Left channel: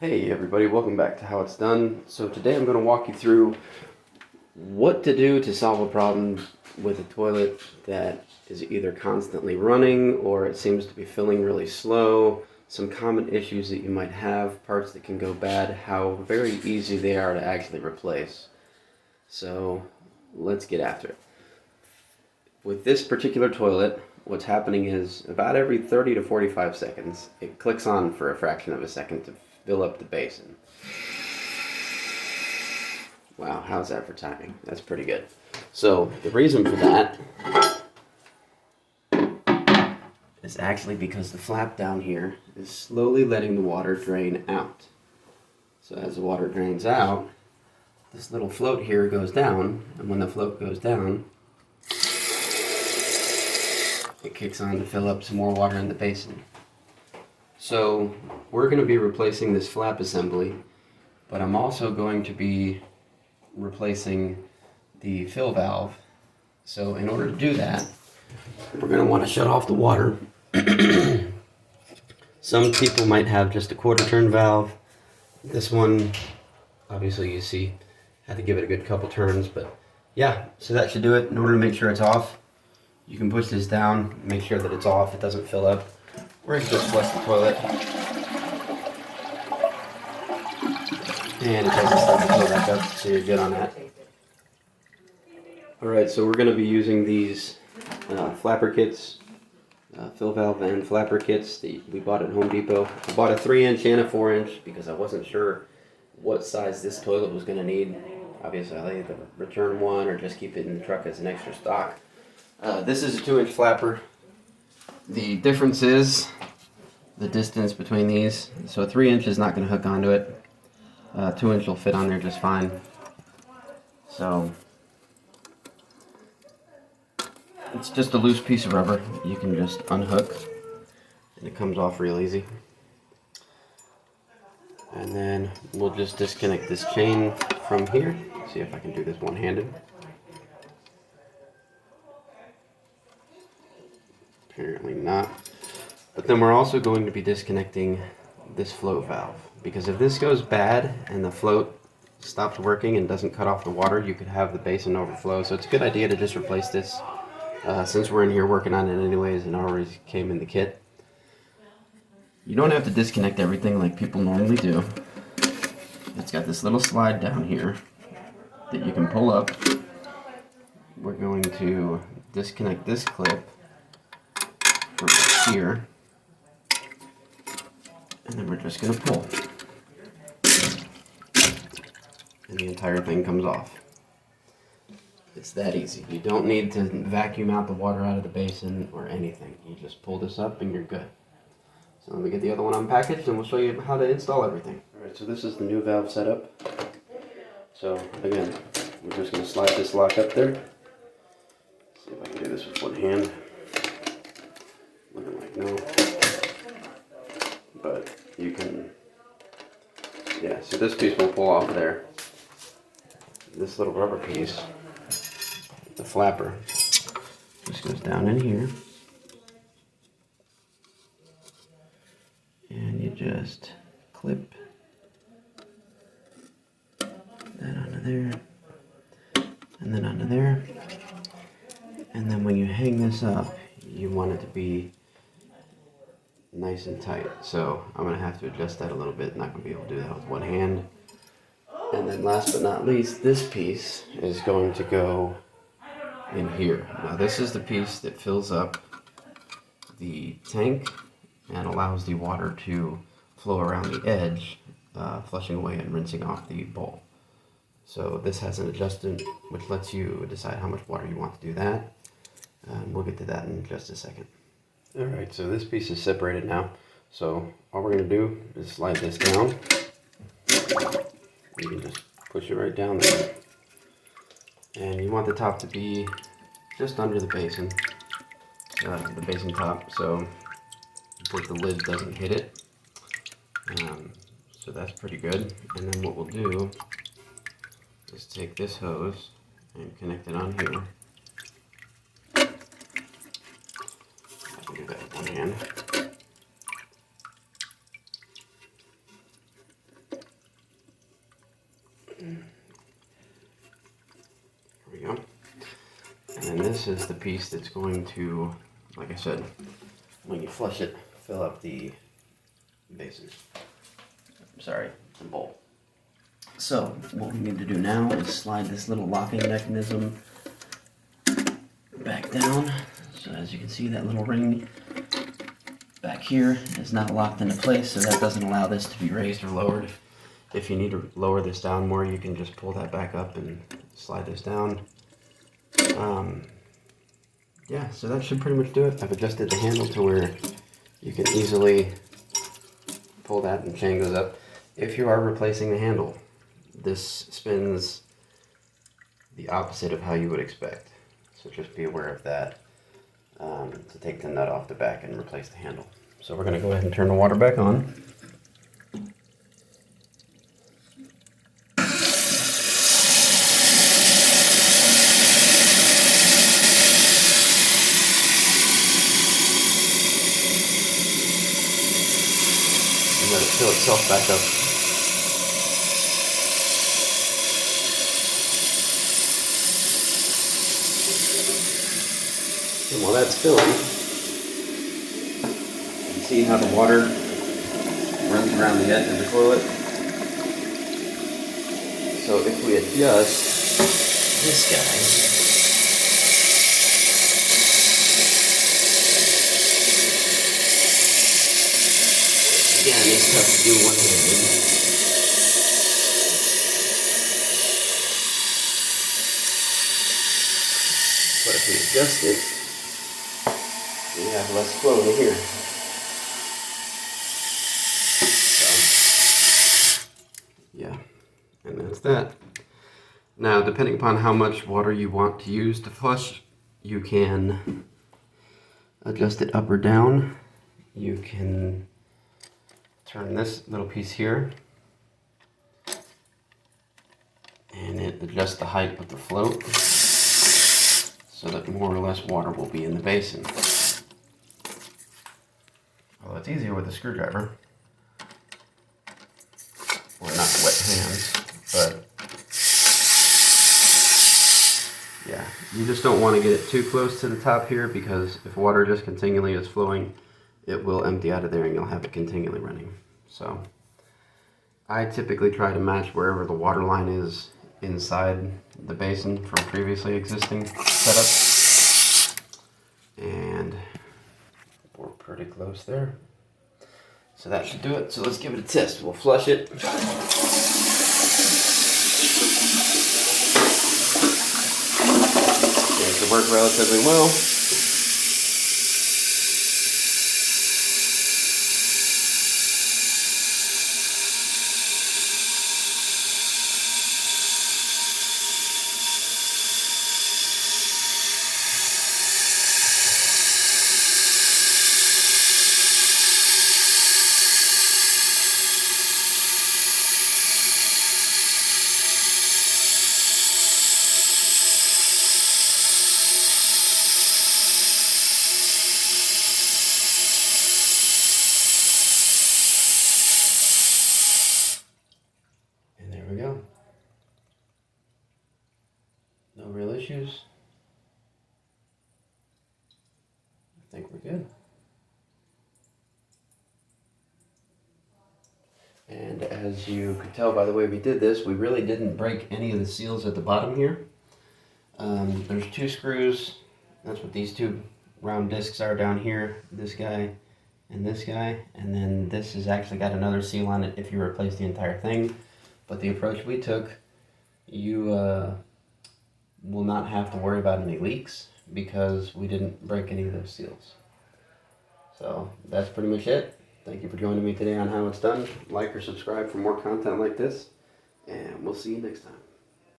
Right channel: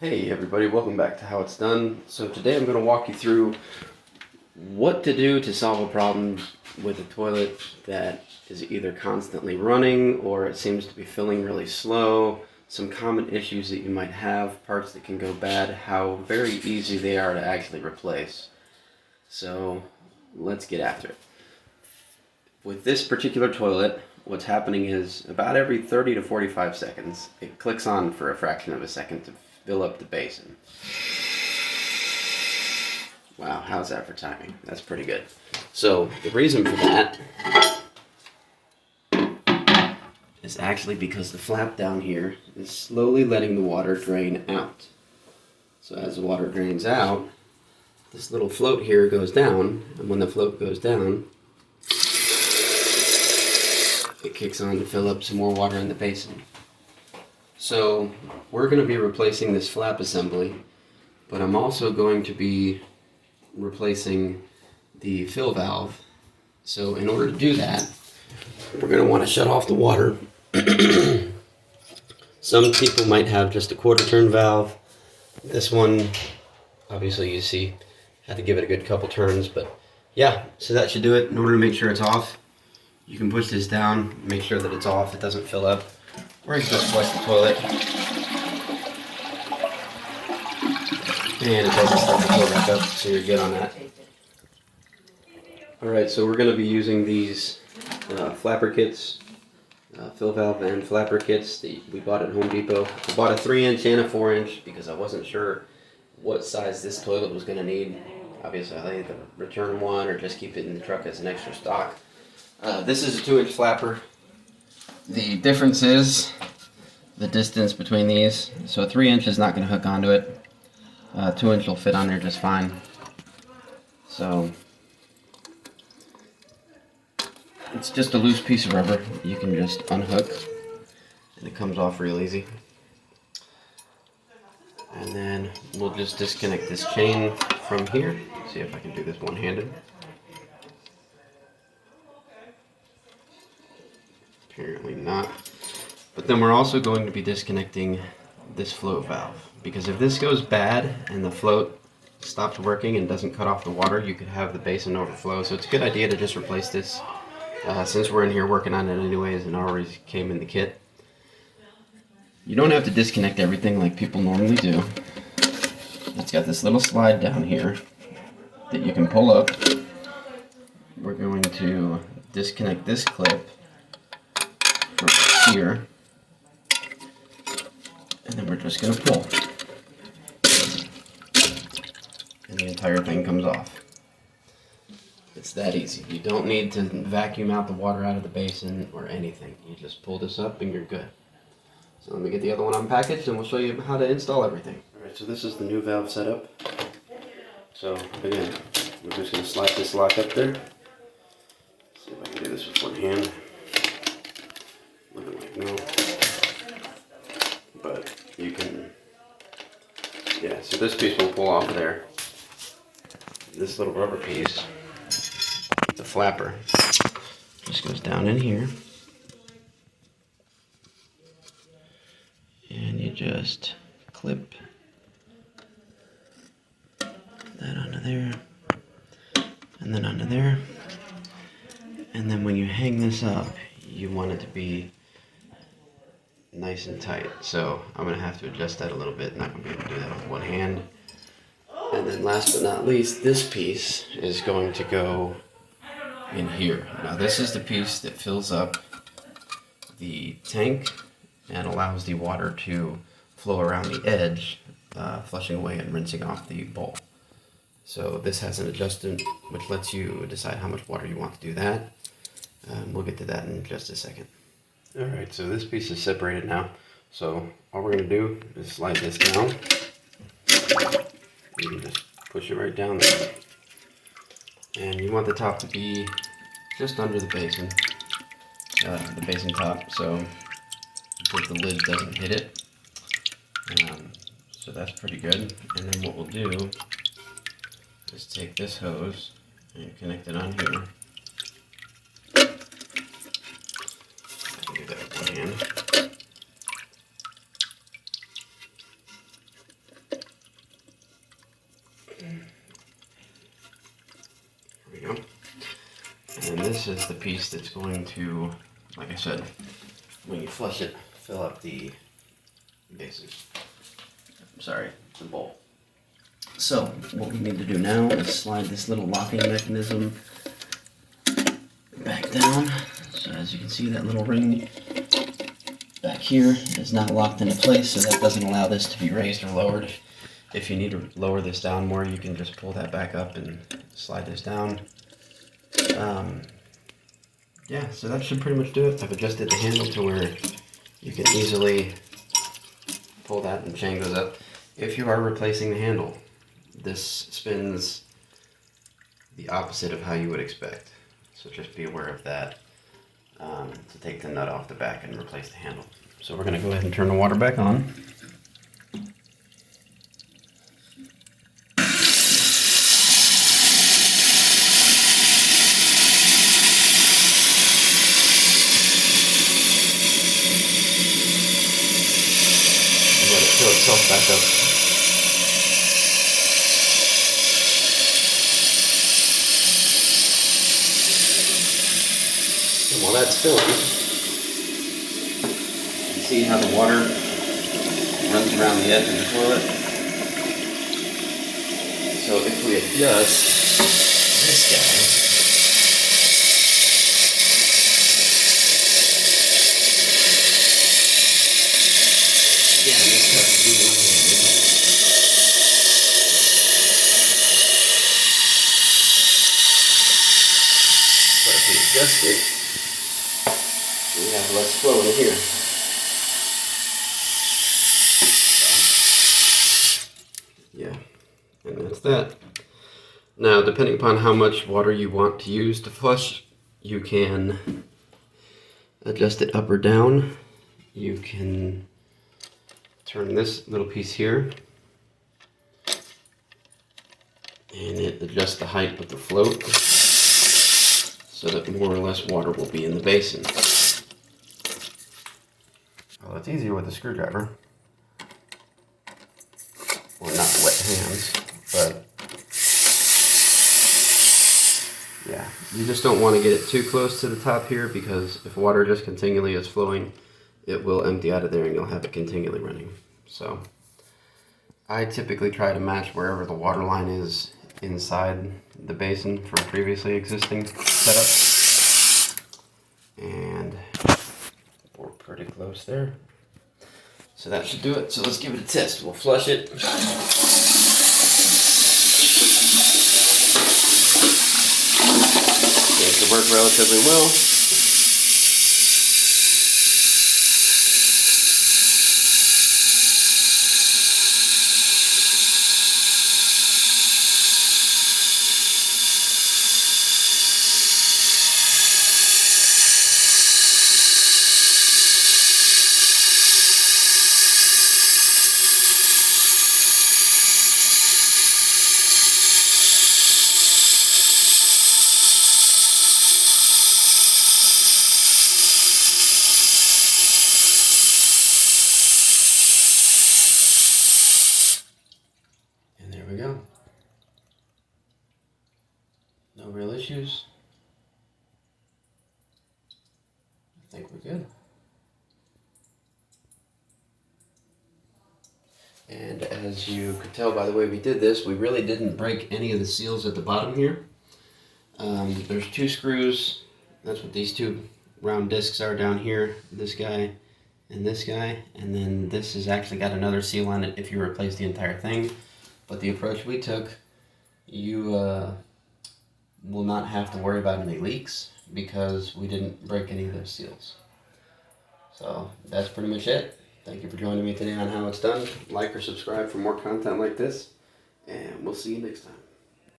Hey everybody, welcome back to How It's Done. So today I'm going to walk you through what to do to solve a problem with a toilet that is either constantly running or it seems to be filling really slow, some common issues that you might have, parts that can go bad, how very easy they are to actually replace. So let's get after it. With this particular toilet, what's happening is about every 30 to 45 seconds, it clicks on for a fraction of a second to fill up the basin. Wow, how's that for timing? That's pretty good. So the reason for that is actually because the flap down here is slowly letting the water drain out. So as the water drains out, this little float here goes down, and when the float goes down, it kicks on to fill up some more water in the basin. So we're going to be replacing this flap assembly, but I'm also going to be replacing the fill valve. So in order to do that, we're going to want to shut off the water. Some people might have just a quarter turn valve. This one, obviously you see, had to give it a good couple turns, but yeah, so that should do it. In order to make sure it's off, you can push this down, make sure that it's off, it doesn't fill up, or you can just flush the toilet. And it doesn't start to fill back up, so you're good on that. Alright, so we're going to be using these flapper kits, fill valve and flapper kits that we bought at Home Depot. I bought a 3-inch and a 4-inch because I wasn't sure what size this toilet was going to need. Obviously, I'll either return one or just keep it in the truck as an extra stock. This is a 2-inch flapper. The difference is the distance between these. So a 3-inch is not going to hook onto it. 2-inch will fit on there just fine. So it's just a loose piece of rubber. You can just unhook and it comes off real easy. And then we'll just disconnect this chain from here. See if I can do this one-handed. Apparently not. But then we're also going to be disconnecting this float valve, because if this goes bad and the float stops working and doesn't cut off the water, you could have the basin overflow. So it's a good idea to just replace this since we're in here working on it anyways and already came in the kit. You don't have to disconnect everything like people normally do. It's got this little slide down here that you can pull up. We're going to disconnect this clip from here, and then we're just going to pull. And the entire thing comes off. It's that easy. You don't need to vacuum out the water out of the basin or anything. You just pull this up and you're good. So let me get the other one unpackaged and we'll show you how to install everything. Alright, so this is the new valve setup. So again, we're just going to slide this lock up there. See if I can do this with one hand. Looking like no. But you can, yeah, so this piece will pull off there. This little rubber piece, the flapper, just goes down in here. And you just clip that onto there, and then onto there. And then when you hang this up, you want it to be nice and tight. So I'm going to have to adjust that a little bit. Not going to be able to do that with one hand. And then last but not least, this piece is going to go in here. Now this is the piece that fills up the tank and allows the water to flow around the edge, flushing away and rinsing off the bowl. So this has an adjustment which lets you decide how much water you want to do that. We'll get to that in just a second. Alright, so this piece is separated now. So all we're going to do is slide this down. You can just push it right down there. And you want the top to be just under the basin top, so that the lid doesn't hit it. So that's pretty good. And then what we'll do is take this hose and connect it on here. I can do that with one hand. this is the piece that's going to, like I said, when you flush it, fill up the basin. Sorry, the bowl. So what we need to do now is slide this little locking mechanism back down. So as you can see, that little ring back here is not locked into place, so that doesn't allow this to be raised or lowered. If you need to lower this down more, you can just pull that back up and slide this down. Yeah, so that should pretty much do it. I've adjusted the handle to where you can easily pull that and chain goes up. If you are replacing the handle, this spins the opposite of how you would expect. So just be aware of that, to take the nut off the back and replace the handle. So we're going to go ahead and turn the water back on. Let it fill itself back up. And while that's filling, you can see how the water runs around the edge of the toilet. So if we adjust this guy, again, it's tough to do one-handed. But if we adjust it, we have less flow in here. So, yeah, and that's that. Now, depending upon how much water you want to use to flush, you can adjust it up or down. You can turn this little piece here, and it adjusts the height of the float so that more or less water will be in the basin. Well, it's easier with a screwdriver. Well, not wet hands, but yeah, you just don't want to get it too close to the top here, because if water just continually is flowing, it will empty out of there and you'll have it continually running. So I typically try to match wherever the water line is inside the basin from previously existing setup. And we're pretty close there. So that should do it. So let's give it a test. We'll flush it. Seems to work relatively well. There we go. No real issues. I think we're good. And as you could tell by the way we did this, we really didn't break any of the seals at the bottom here. There's two screws. That's what these two round discs are down here. This guy and this guy. And then this has actually got another seal on it if you replace the entire thing. But the approach we took, you will not have to worry about any leaks because we didn't break any of those seals. So that's pretty much it. Thank you for joining me today on How It's Done. Like or subscribe for more content like this, and we'll see you next time.